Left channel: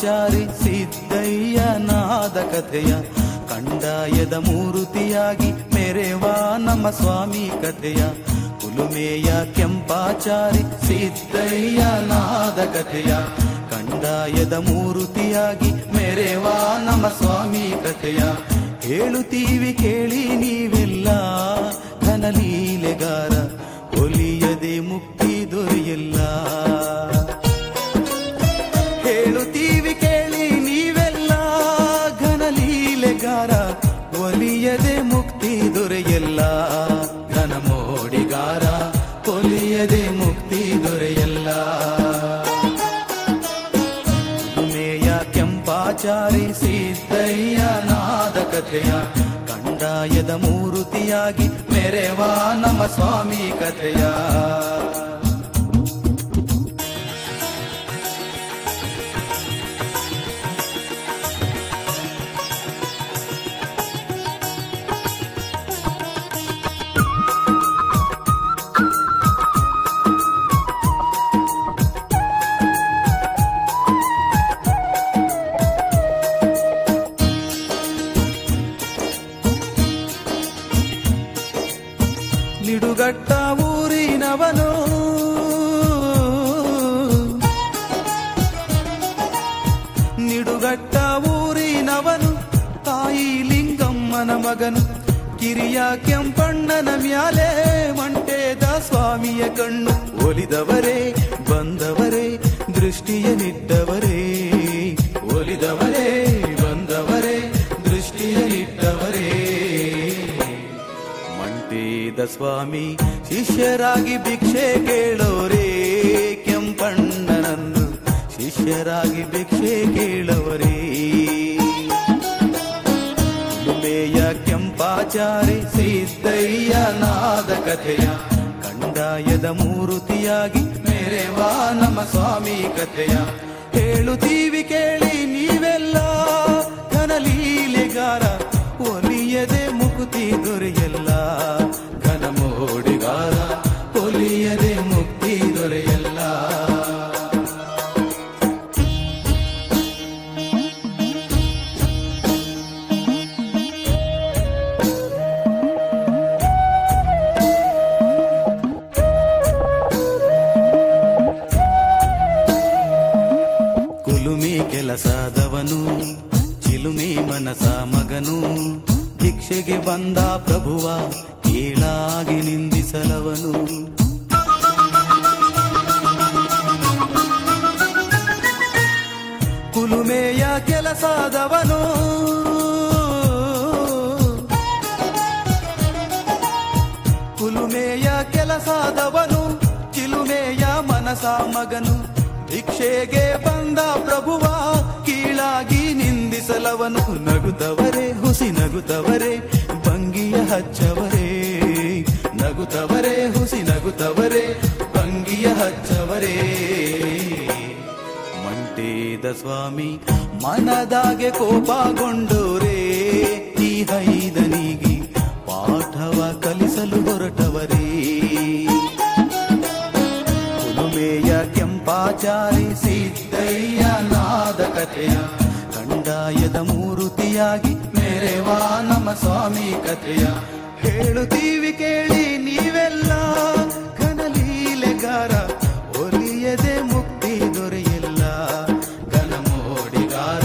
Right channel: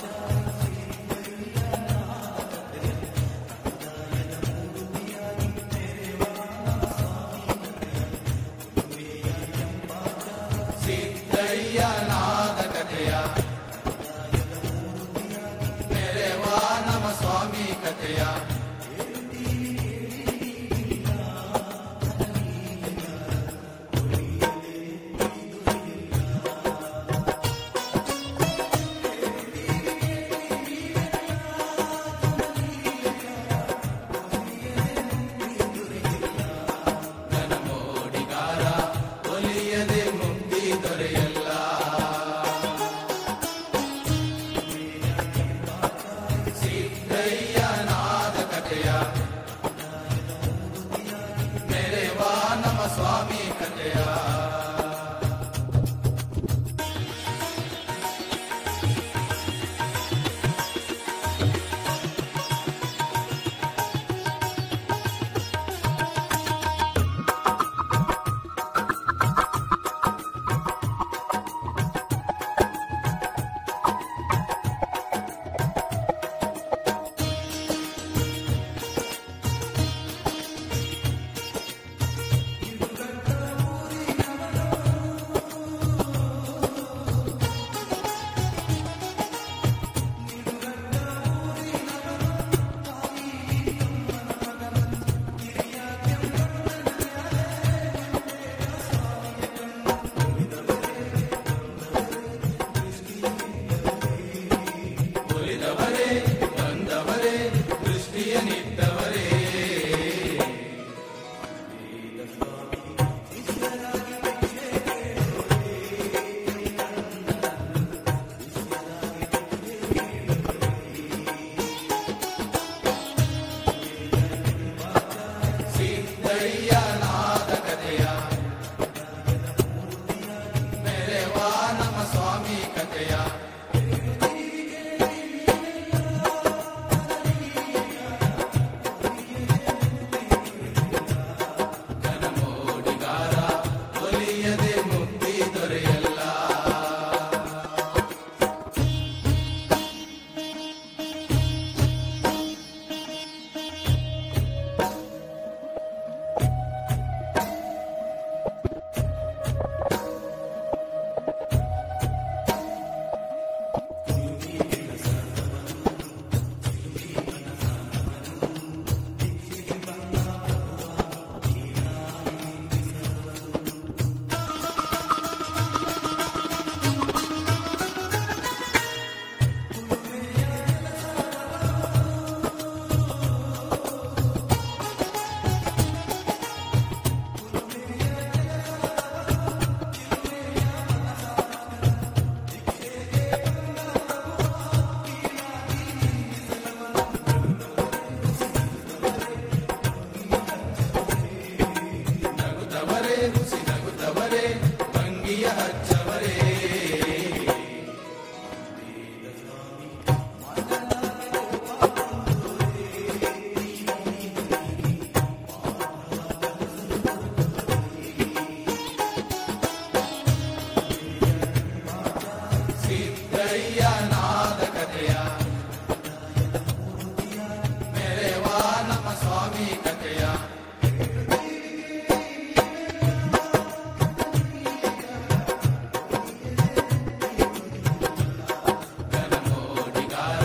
ಕೆಂಪಾಚಾರಿ ಸಿದ್ದಯ್ಯನಾದ ಕಥೆಯ ಕಂದಾಯದ ಮೂರುತಿಯಾಗಿ ಮೆರೆವ ನಮ್ಮ ಸ್ವಾಮಿ ಕಥೆಯ ಕುಲುಮೆಯ ಕೆಂಪಾಚಾರಿ ಸಿದ್ದಯ್ಯನಾದ ಕಥೆಯ ಕಂದಾಯದ ಮೂರುತಿಯಾಗಿ ಮೆರೆವ ನಮ್ಮ ಸ್ವಾಮಿ ಕಥೆಯ ಹೇಳುತ್ತೀವಿ ಕೇಳಿ ನೀವೆಲ್ಲ ಘನಲೀಲೆಗಾರ ಒಲಿಯದೆ ಮುಕ್ತಿ ದೊರೆಯಲ್ಲ. ಹೇಳುತ್ತೀವಿ ಕೇಳಿ ನೀವೆಲ್ಲ ಘನಲೀಲೆಗಾರ ಒಲಿಯದೆ ಮುಕ್ತಿ ದೊರೆಯಲ್ಲ. ಘನಮೋಡಿಗಾರ ಒಲಿಯದೆ ಮುಕ್ತಿ ದೊರೆಯಲ್ಲ. ಕುಲುಮೆಯ ಕೆಂಪಾಚಾರಿ ಸಿದ್ದಯ್ಯನಾದ ಕಥೆಯ ಕಂದಾಯದ ಮೂರುತಿಯಾಗಿ ಮೆರೆವ ನಮ್ಮ ಸ್ವಾಮಿ ಕಥೆಯ. ನಿಡುಗಟ್ಟ ಊರಿನವನು ನಿಡುಗಟ್ಟ ಊರಿನವನು ತಾಯಿ ಲಿಂಗಮ್ಮನ ಮಗನು ಕಿರಿಯ ಕೆಂಪಣ್ಣನ ಮ್ಯಾಲೆ ಮಂಟೇದ ಸ್ವಾಮಿಯ ಕಣ್ಣು ಒಲಿದವರೇ ಬಂದವರೇ ದೃಷ್ಟಿಯ ನಿಟ್ಟವರೇ ಒಲಿದವರೇ ಬಂದವರೇ ದೃಷ್ಟಿಯ ನಿಟ್ಟವರೇ. ಮಂಟೇದ ಸ್ವಾಮಿ ಶಿಷ್ಯರಾಗಿ ಭಿಕ್ಷೆ ಕೇಳೋರೇ ಕೆಂಪಣ್ಣನನ್ನು ಶಿಷ್ಯರಾಗಿ ಭಿಕ್ಷೆ ಕೇಳವರೇ. ಕುಲುಮೆಯ ಕೆಂಪಾಚಾರಿ ಸಿದ್ದಯ್ಯನಾದ ಕಥೆಯ ಕಂದಾಯದ ಮೂರುತಿಯಾಗಿ ಮೆರೆವ ನಮ್ಮ ಸ್ವಾಮಿ ಕಥೆಯ ಹೇಳುತ್ತೀವಿ ಕೇಳಿ ನೀವೆಲ್ಲ ಘನಲೀಲೆಗಾರ ಒಲಿಯದೆ ಮುಕ್ತಿ ದೊರೆಯಲ್ಲ. ಘನಮೋಡಿಗಾರ ಒಲಿಯದೆ ಮುಕ್ತಿ ದೊರೆಯಲ್ಲ. ಕುಲುಮೆ ಕೆಲಸದವನು ಚಿಲುಮೆ ಮನಸ ಮಗನು ಭಿಕ್ಷೆಗೆ ಬಂದ ಪ್ರಭುವ ಕೀಳಾಗಿ ನಿಂದಿಸಲವನು. ಕುಲುಮೆಯ ಕೆಲಸದವನು ಕುಲುಮೆಯ ಕೆಲಸದವನು ಚಿಲುಮೆಯ ಮನಸ ಮಗನು ಭಿಕ್ಷೆಗೆ ಬಂದ ಪ್ರಭುವ ಕೀಳಾಗಿ ನಿಂದಿಸಲವನು. ನಗುತ್ತವರೇ ಹುಸಿ ನಗುತ್ತವರೇ ಭಂಗಿಯ ಹಚ್ಚವರೇ ನಗುತ್ತವರೇ ಹುಸಿ ನಗುತ್ತವರೇ ಭಂಗಿಯ ಹಚ್ಚವರೇ. ಮಂಟೇದ ಸ್ವಾಮಿ ಮನದಾಗೆ ಕೋಪಗೊಂಡೋರೇ ಈ ಹೈದನಿಗೆ ಪಾಠವ ಕಲಿಸಲು ಹೊರಟವರೇ. ಕುಲುಮೆಯ ಕೆಂಪಾಚಾರಿ ಸಿದ್ದಯ್ಯನಾದ ಕಥೆಯ ಕಂದಾಯದ ಮೂರುತಿಯಾಗಿ ಮೆರೆವ ನಮ್ಮ ಸ್ವಾಮಿ ಕಥೆಯ ಹೇಳುತ್ತೀವಿ ಕೇಳಿ ನೀವೆಲ್ಲ ಘನಲೀಲೆಗಾರ ಒಲಿಯದೆ ಮುಕ್ತಿ ದೊರೆಯಲ್ಲ. ಘನಮೋಡಿಗಾರ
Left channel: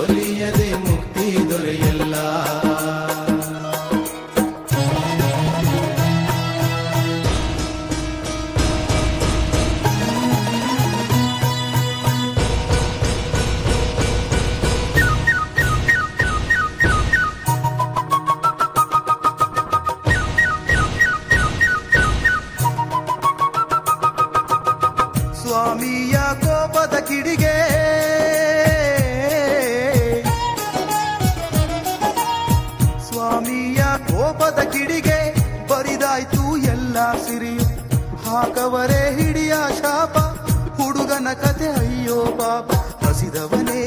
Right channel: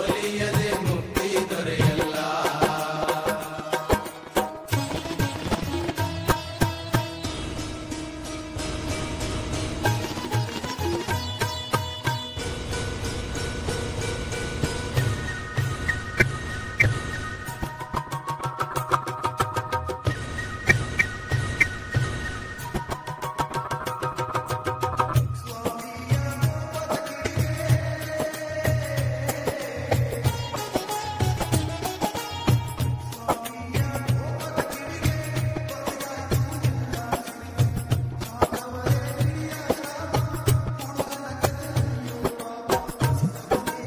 ಒಲಿಯದೆ ಮುಕ್ತಿ ದೊರೆಯಲ್ಲ. ಸ್ವಾಮಿಯ ಕೋಪದ ಕಿಡಿಗೆ ಸ್ವಾಮಿಯ ಕೋಪದ ಕಿಡಿಗೆ ಬರಿದಾಯ್ತು ಎಲ್ಲ ಸಿರಿಯು ಹಾಕವರೇ ಹಿಡಿಯ ಶಾಪ ಹುಡುಗನ ಕತೆ ಅಯ್ಯೋ ಪಾಪ. ಹಸಿದವನೇ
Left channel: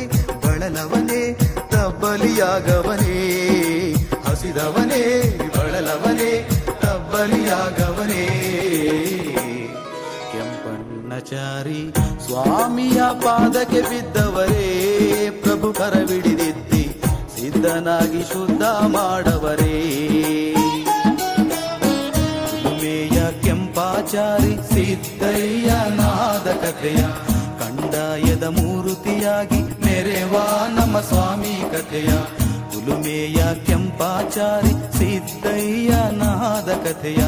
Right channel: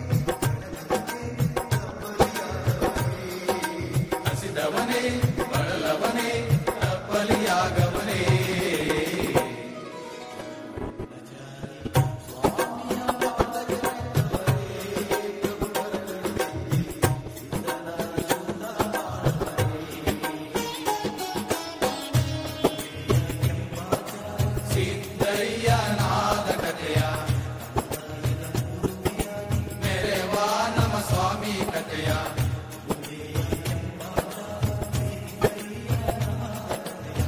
ಬಳಲವನೇ ತಬ್ಬಲಿಯಾಗವನೇ ಹಸಿದವನೇ ಬಳಲವನೇ ತಬ್ಬಲಿಯಾಗವನೇ. ಕೆಂಪಣ್ಣಚಾರಿ ಸ್ವಾಮಿಯ ಪಾದಕ್ಕೆ ಬಿದ್ದವರೇ, ಪ್ರಭು ಕರವಿಡಿದಿತ್ತಿ ಸಿದ್ಧನಾಗಿ ಶುದ್ಧ ಮಾಡವರೇ. ಉಮೇಯ ಕೆಂಪಾಚಾರಿ ಸಿದ್ದಯ್ಯ ನಾದ ಕಥೆಯ ಕಂದಾಯದ ಮೂರುತಿಯಾಗಿ ಮೆರೆವಾ ನಮ್ಮ ಸ್ವಾಮಿ ಕಥೆಯ. ಉಲುಮೆಯ ಕೆಂಪಾಚಾರಿ ಸಿದ್ದಯ್ಯ ನಾದ ಕಥೆಯ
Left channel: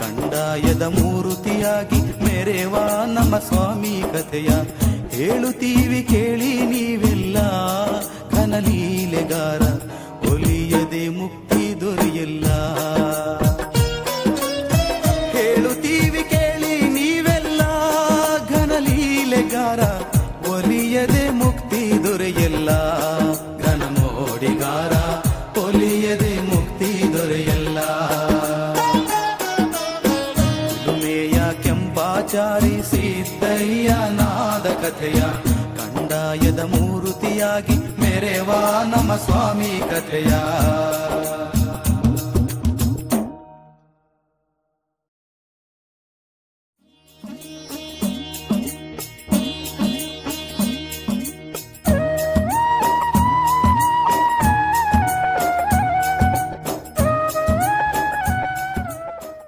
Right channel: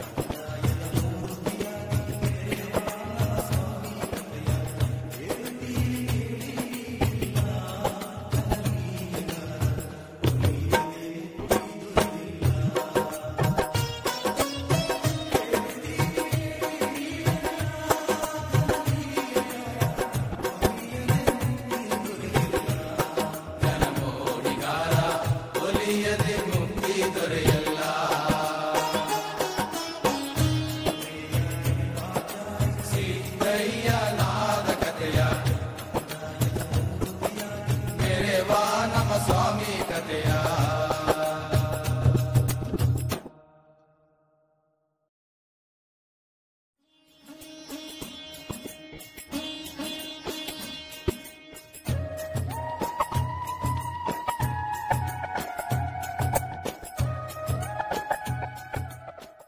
ಕಂದಾಯದ ಮೂರುತಿಯಾಗಿ ಮೆರೆವಾ ನಮ್ಮ ಸ್ವಾಮಿ ಕಥೆಯ. ಹೇಳುತ್ತೀವಿ ಕೇಳಿ ನೀವೆಲ್ಲ ಘನಲೀಲೆಗಾರ, ಒಲಿಯದೆ ಮುಕ್ತಿ ದೊರೆಯಲ್ಲ. ಹೇಳುತ್ತೀವಿ ಕೇಳಿ ನೀವೆಲ್ಲ ಘನಲೀಲೆಗಾರ, ಒಲಿಯದೆ ಮುಕ್ತಿ ದೊರೆಯಲ್ಲ. ಘನಮೋಡಿಗಾರ, ಒಲಿಯದೆ ಮುಕ್ತಿ ದೊರೆಯಲ್ಲ. ಉಮೇಯ ಕೆಂಪಾಚಾರಿ ಸಿದ್ದಯ್ಯ ನಾದ ಕಥೆಯ ಕಂದಾಯದ ಮೂರುತಿಯಾಗಿ ಮೆರೆವಾ ನಮ್ಮ ಸ್ವಾಮಿ ಕಥೆಯ.